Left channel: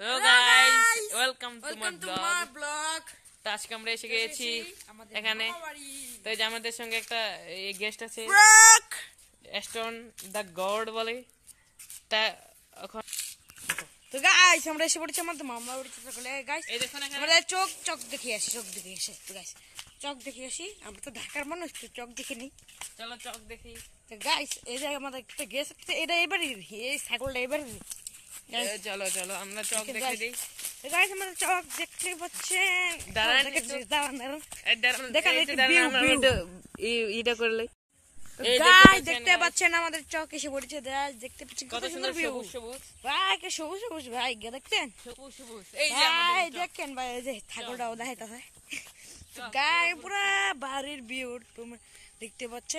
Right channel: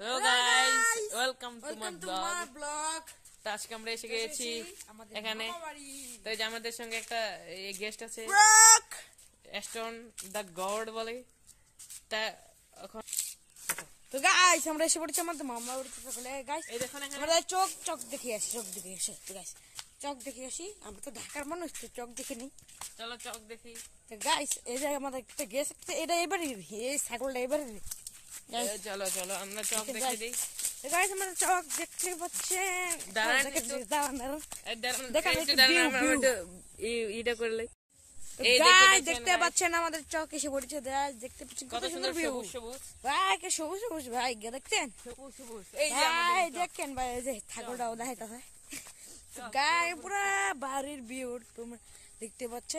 Hello guys, welcome to my vlog. তো আজকে আমরা এসে গেছি এখানে। তো এই যে আমাদের সঙ্গে একটা গেস্ট আছে, এস্টন দা গড বলে। তা এখন তো গাইস আমরা এসে পড়েছি আমাদের মামা বাড়িতে। সকলে গাইস এই দেখুন এখানে আমরা চক দেখে আসি, চক দেখে আসি। তো গাইস চক দেখে আসি, আমরা তো ঢাকার মানুষ, তো চক দেখে নিই। চলো চক দেখি। তো গাইস এই যে আমাদের একটা গেস্ট আছে, এটা এবারে এই ছাগলটা এবারে চলো চলো আমরা চক দেখে দিই। তো গাইস আমরা চক দেখতে পাচ্ছেন, দাঁড়ান দেখেন এটা করলে গাইস দেখতে পাচ্ছেন আমাদের চক এসে পড়েছে। দেখতে পাচ্ছেন কত সুন্দর ভিউ ভাই, কে সবুজ সবুজ ভাই, দেখছেন ভাই, দেখেন ভাই এই যে ছাগলটাও দেখাইতেছে। গাই পুরা বাড়ির ভিউ তোমরা দেখতে পাচ্ছ।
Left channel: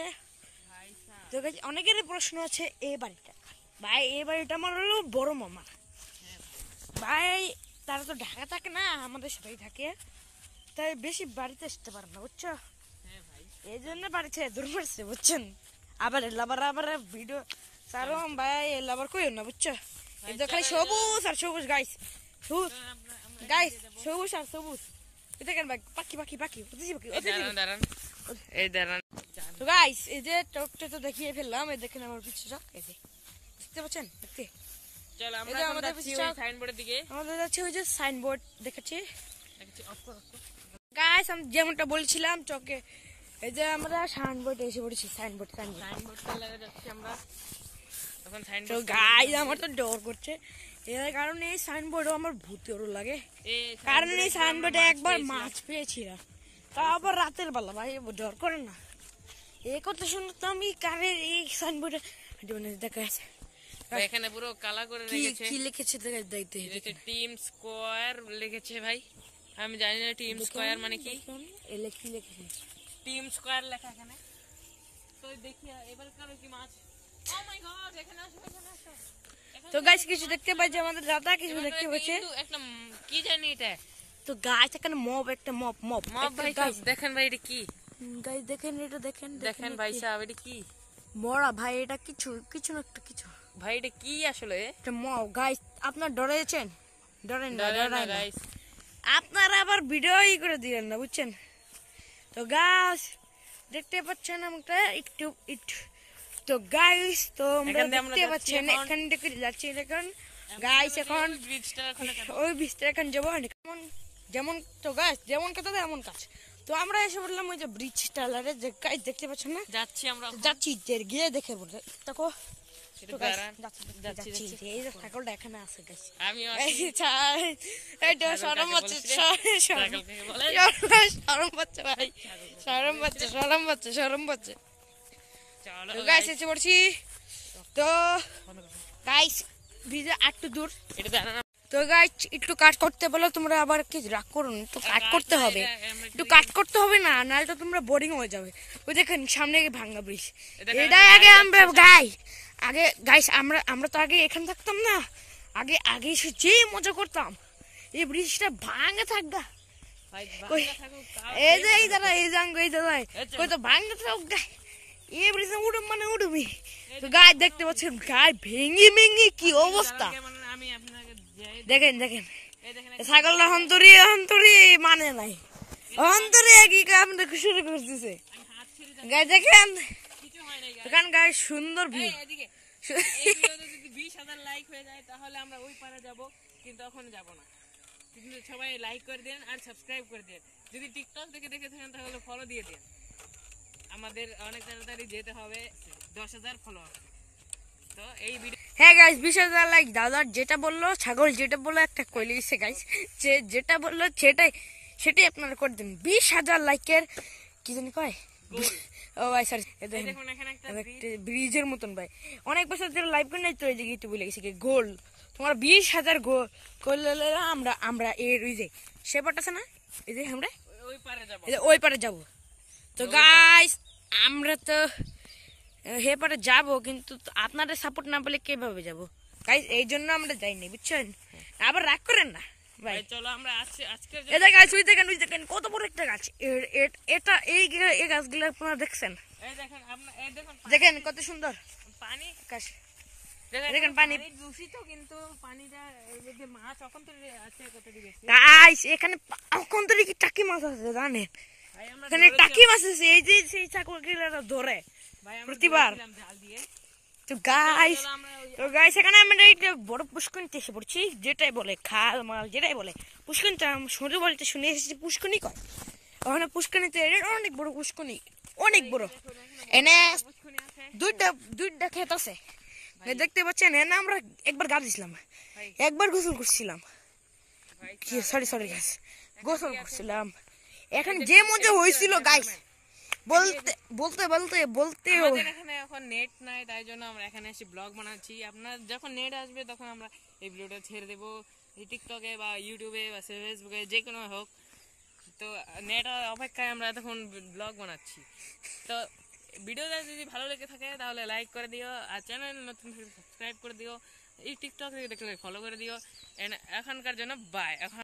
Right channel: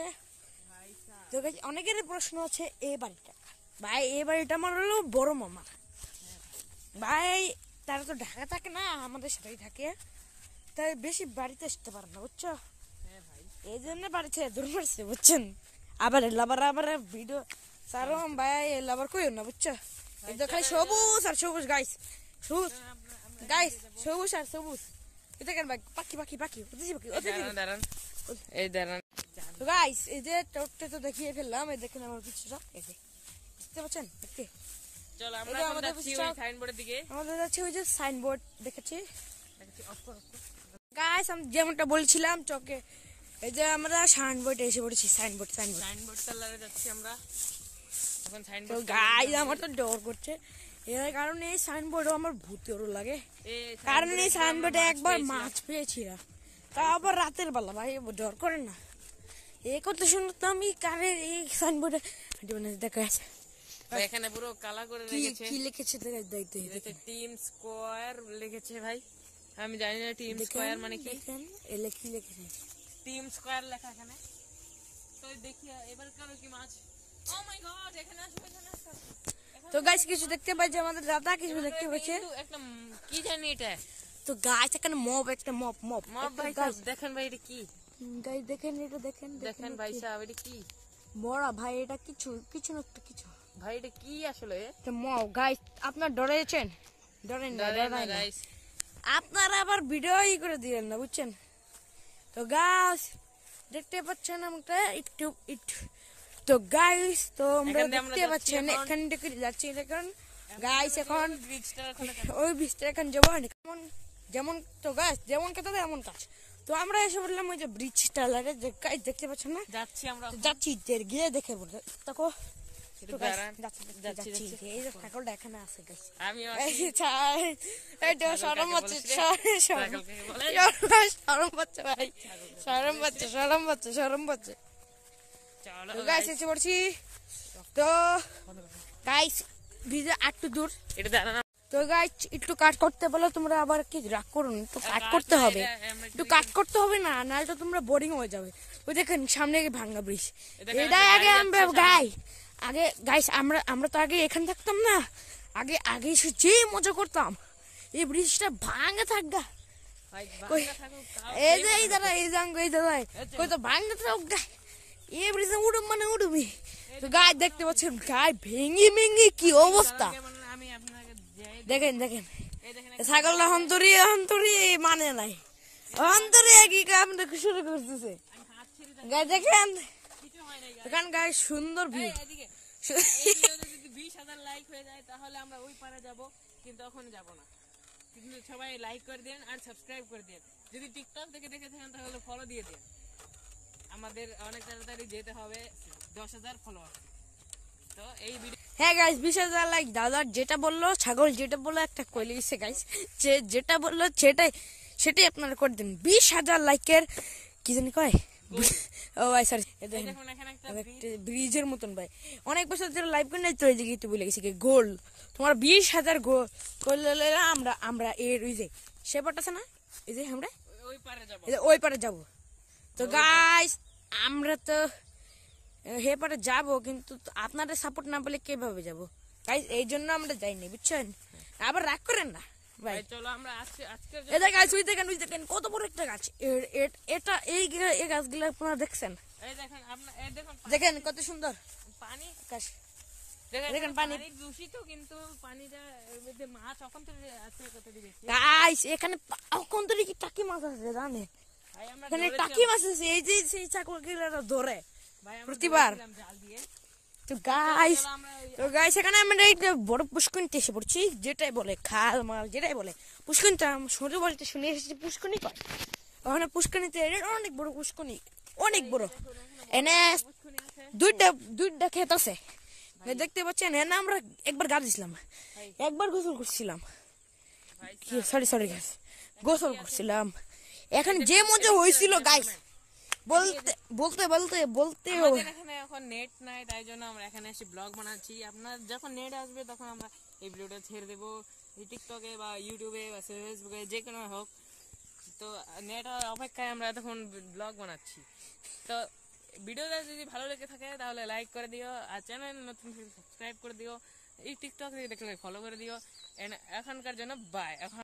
তো গাইস অনেকের প্রশ্ন আছে এই বাড়িটা ভাই, এই বাড়িটা আমার হলো বড় মামা ভাই, তারা তো ঢাকা থাকে না, আমাদের সাথেই থাকে, তাই বেশি বাড়িতে আসতে পারে না বুঝছো, এই জন্য বাড়িতে দূর মারছে বুঝছেন। আবার আবার ভিডিও সারম ভাই, আবার কইও না বুঝছো। এই তো খালি সবুজ আর সবুজ গাইস, সবুজ গাইস, সবুজ আর সবুজ। এটা কেন ভাই, পাখি পাখি পাখি ওদিকে পাখি এই দাঁড়ান। তো গাইস এই যে চকটা তো দেখিয়ে ফেললাম, এই দেখেন আমার পিছনে চক, এই যে দেখতে পাচ্ছেন, দেখতে চলো আমরা আমাদের সাইনবোর্ডের দিকে আমাদের যাচ্ছে ওই যে সাইনবোর্ড দেখাচ্ছি। গাইস আমি যেমনটা বলছিলাম চকে, এই যে আমরা সাইনবোর্ডে এসে পড়েছি। সাইনবোর্ড চালাতে যাচ্ছি আমরা এখন। তো সাইনবোর্ড গাইস আমার তো ডর করছে, এর কারণে এই সাইনবোর্ডও আমার ভূতেরও লাগে, কারণ এই সাইনবোর্ডে একবার মাছ পেয়েছিলাম, তা আবার রাতের বেলা ভাই, ডর করে না। এ কত সুন্দর, তো আমি কারের এই সাইনবোর্ডে দেখা আছে এখানে পুরো কালা করে রেখেছে। কি লিখেছে দেখতে টিম স্কয়ার লিখেছে ভাই, আমি জানি না টিম স্কয়ার মানে কি। এলে কি লিখেছে টিম স্কয়ার লেখা এখানে। তো দেখি এবার কারো কি মাছ। ও মাই গড, এখানে আসো এখানে আসো। তো গাইস কিছু দেখতে পাচ্ছি, আমাদের দাদা কিছু দেখতে পাচ্ছে, একটা কি জানি এটা। তো গাইস এখানে মব, একটা মব ভাই গাইস দেখেন ভাই এটা কি। গাইস দেখেন এটা, দেখেন ভাই সাহেব এটা কি। মরা ভাই, এটা কিছু না একটা কিছু ভাই এটা কি আসলে। এটা মব গাইস, আপনার ডরেছেন? ডরেন না গাইস, আপনারা আবার ভিডিও করে দিলেন না বুঝছেন। তো গাইস দেখতে পাচ্ছেন আমরা একটু তো গাইস, তো আমরা দেখতে পাচ্ছেন এখান থেকে যাচ্ছি এখন গাইস, এখন ওই ব্রিজটা এখন যাবো যেমন। তো গাইস যেমন কথা এমন কাজ, তো আমরা এসে বললাম ওই যে ব্রিজ টালারে, যে গাইস দেখতে পাচ্ছেন না, যাচ্ছি আমরা, যাচ্ছি গিয়ে দেখে বলতে দেখো। ছাগলটা এখানে আছে গাইস, সরম বাচ্চা। তো গাইস এসে পড়ছি, তো গাইস ভিডিও একটু দূর, তো গাইস একটু কাট করতে বলো তোমরা, আবার কি রাগ করুন, তো কাট করতে হবে, একটু কাট করতে হবে না, নাহলে তো তোমরা বোরিং হয়ে যাবে। ওই দেখেন সামনে ভাঙ্গা ব্রিজ, এটা আগে আমরা আগে গাইস আমরা তো আগে এখানে থাকতাম না, আগে এসে যে মজা করতাম, এই ব্রিজটা ভাঙা থাকতো, এই যে এই দাদা এই জাঙ্গ এই দাদা কই তো ভাঙতে থাক, এই ব্রিজে উড়ুম মানে উড়ুমি। তো গাই দেখতে পাচ্ছেন গাই ভেঙে কি অবস্থা, দেখেন ছাগলটা হন্তরি মানে নাই, হন্তরি কি কাম শুরু করতেছে গাই, দেখেন এখান গাই সুন্দর ভিউ। 20,000 লাইক হয়ে যায় তাহলে আমরা ওই পারে যাব, কিন্তু এখন যাব না। কিন্তু সবাই লাইক করে দেন আর সাবস্ক্রাইব করে দেন। যদি টিকটক থেকে দেখে থাকেন তাহলে ফলো দিয়ে দেন। আমাদের অনেক তাড়াতাড়ি যেতে হবে 10,000 ফলোয়ার। তো এই ভিডিও হ্যাঁ গাইস 20,000 লাইক, দাদা যেটা বললো ছাগল যেটা বললো একটা কইলে গেছে গাইস, যেটা বললো সেটাই আপনারা করে দিন। 20,000 লাইকের কি জানি কয়, ও ভাই স্যার দেখুন এখানে একটা ব্রিজের মতন ভাই, অনেক বছর ধরে লাইভ করে নাই তো, এই যে গিয়ে বলে গেছে কি গোল, তোমার 20,000 গোল করলে আমরা এর ওই যে সেপাট আছে না, এই যে আমরা ওই পারে যাব। তো গাইস আমরা তো হে পারে যাবো, কিন্তু আপনাদের সাপোর্ট না পেলে কিভাবে যাবো গাইস, এই জন্য আমরা যাইনি বুঝছেন, আবার রাগ করেন না ভাই। চলো আমরা আজকে এটা গাছ ওই দেখেন কত বড় একটা গাছ, এটা এই গাছগুলো আপনারা দেখছেন, এই দেখেন আপনারা এই দেখেন দেখেন কত সুন্দর পানি গাছ। দেখেন পানি দূষিত, কিন্তু পানিটা এই যে মাছ এখন তো আছে কতটি বেশি। গাইস এখানে এখন তো দেখি টাকি মাছ আছে জানেন, ভাই আমরা এখানে টাকি মাছ আছে, এই যে সেই চাকরিরা ধরে ভাই আমরা প্রতিবার। ধরেছিলাম জাল দিয়ে। তো গাইস চলো আমরা ওই এখানে আমরা এই যে বড় পুষ্করিতে এসে পড়ছি, যেটাই বলে খাল মাল যেটাই বলে পুষ্করিণ, তো আমি শুনে বলতে শুনে এসেছি পুষ্করিণী কর। ওখানে পুষ্করিণীতে অনেক বড় পুষ্করিণী, অনেক বড়। এনে পুষ্কুনি আছে। দুইটা ক্ষেত আছে, এই দেখতে পাচ্ছেন। এনে আমরা একবার গা দিছিলাম, একবার গোসল করছিলাম, সরি গাইস, গোসল করছিলাম। এখন যে মজা হয়েছিল গাইস, বলতে বলতে বলতে বলতে আমাদের এখানে এখন নেট নাই, তাই জন্য আমরা এখানে এসে ব্লগ বানাচ্ছি। আপনার যখন নেট আসবে তখন আমরা এই ভিডিওটা ছেড়ে দেবো এই টিকটকে বা ইউটিউবে বা ফেসবুকে, যে কোনো হোক। তো নেট অপেক্ষায় আমরা তখন ব্লগ বানাচ্ছি। তো ভিডিওটা যদি ভালো লেগে থাকে তাহলে লাইক করে দিও, আর চ্যানেল নতুন সাবস্ক্রাইব করে দিও, এই টিকটক থেকে দেখলে ফলো করে দিও। এখনকার জন্য বাই। এখন